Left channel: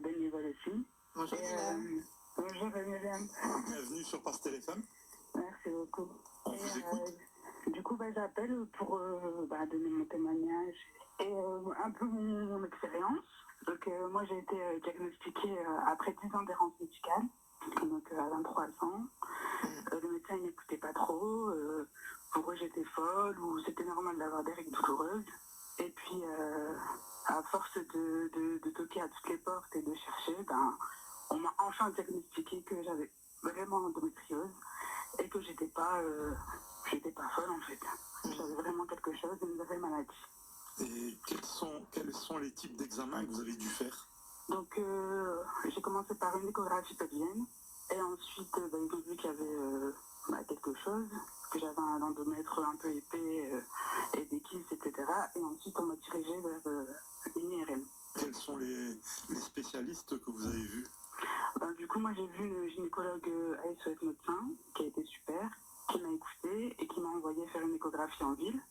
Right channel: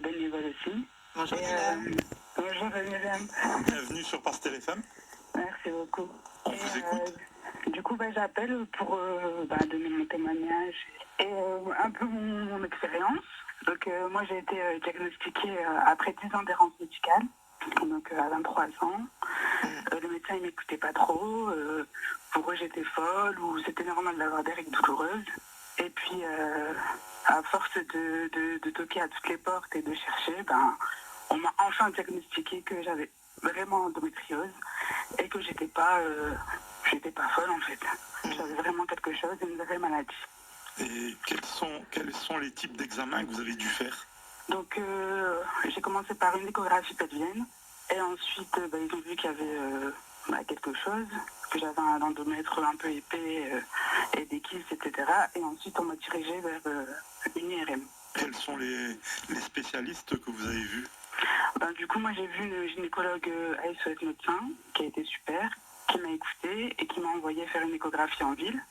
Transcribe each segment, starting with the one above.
bénévole aussi. Bonjour Et, Dylan. bonjour Myriam. Bienvenue sur Pastel FM. Merci beaucoup. On vous écoute. Du coup, j'appelle pour donner mon témoignage et un peu mon expérience. Donc, moi, j'ai été diagnostiquée après 10 ans d'errance médicale, donc à 23 ans. Le médecin, il m'écoutait pas trop. Pour eux, j'étais folle ou c'était normal d'avoir des règles douloureuses. Et puis, à force de toquer à toutes les portes et de chercher, on m'a enfin diagnostiqué que j'avais vraiment endométriose et que j'étais pas folle en fait. J'avais vraiment quelque chose, une vraie maladie. Et quels sont les types d'examens que vous avez dû faire? Donc j'ai commencé par une échographie pelvienne et ensuite ils ont vu qu'il y avait quelque chose, que j'avais un endomètre un peu épais et des kystes, etc. Et ensuite on m'a dirigé vers une IRM. Quels sont les spécialistes que vous avez vus? Du coup, moi j'ai vu une gynécologue ASOS médecin qui a été super, qui m'a écoutée et qui m'a envoyé faire une échographie en ville.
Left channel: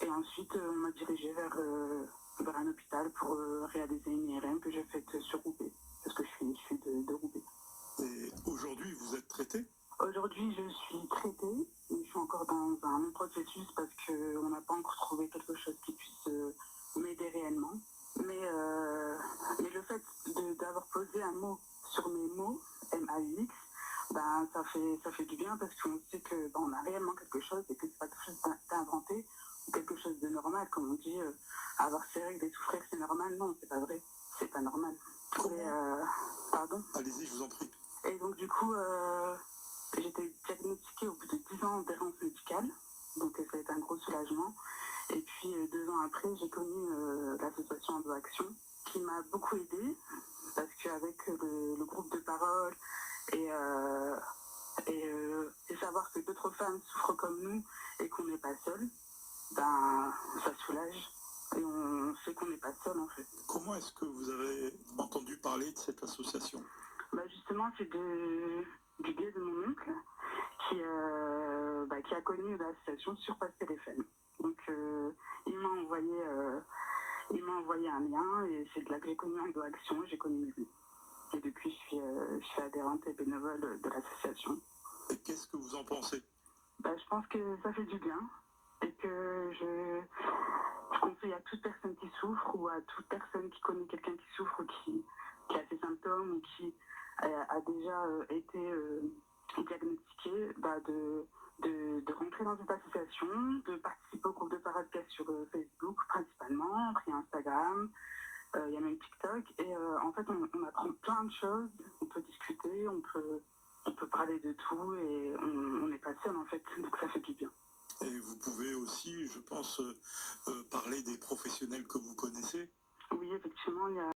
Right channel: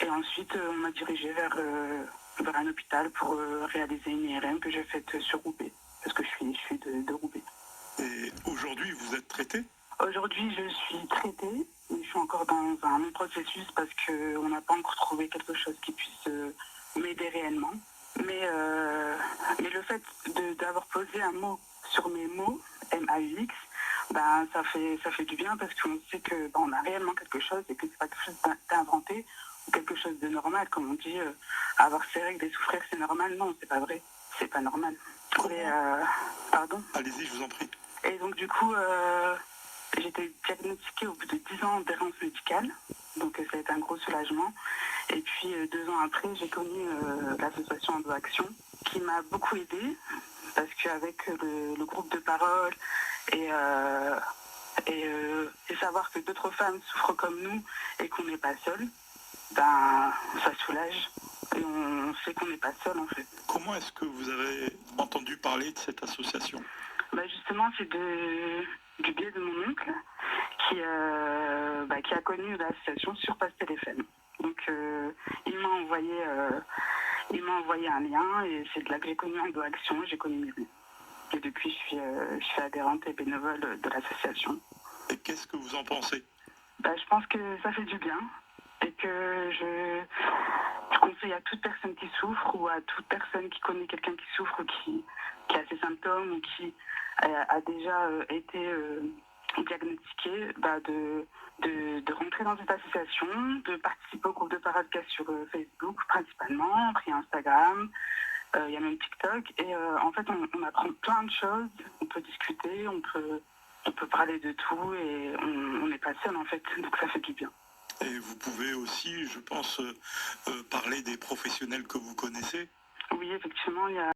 Et ensuite, on m'a dirigée vers un hôpital pour réaliser une IRM que j'ai faite sur Roubaix, parce que je suis de Roubaix. Et aujourd'hui, vous êtes traité? Aujourd'hui, je suis traitée, mais je suis encore dans un long processus parce qu'on n'a pas encore trouvé quelque chose qui puisse m'aider réellement. Mais le fait d'avoir posé un mot sur mes mots, MAUX, ça fait du bien parce qu'on sait qu'on a réellement quelque chose et que c'est pas quelque chose d'inventé ou quelque chose de normal. Comme on dit, avoir ses règles et souffrir, c'est normal. Non, c'est pas vrai. C'est pas normal. Pardon? Allez-y, je vous en prie. Et donc, du coup, j'ai été diagnostiquée au bout de 10 ans d'errance médicale. Donc, ça a été un gros soulagement. Et puis, 2 ans après, j'ai connu l'association EndoAction qui m'a beaucoup aidée parce qu'avec le groupe de parole et savoir que d'autres femmes souffrent comme nous et qu'on n'est pas seul, ça soulage et on sait qu'on n'est pas seul en fait. Comment est-ce que vous avez entendu parler de cette association? Justement, c'est du biais de mon oncle qui a connu l'association sur Pastel FM. Donc il m'a envoyé un lien et c'est de là que j'ai connu EndoAction, j'ai connu Myriam. Et depuis, je suis adhérente et bénévole de l'association. Et qu'est-ce que vous en pensez? Je pense que ça fait du bien et que je conseille à toute personne qui souffre ou à toute personne qui connaît quelqu'un qui souffre ou qui a ces symptômes ou qui a déjà été diagnostiqué, de rentrer dans cette association, de participer au groupe de parole qu'il y a sur Facebook principalement, après Instagram. Il y a même TikTok et en fait on apprend plein de choses, on peut discuter, on peut parler de tout et on n'est pas seul en fait, donc ça fait du bien. Et vous pouvez aussi, je pense, parler des professionnels que vous connaissez. Oui, effectivement, il y a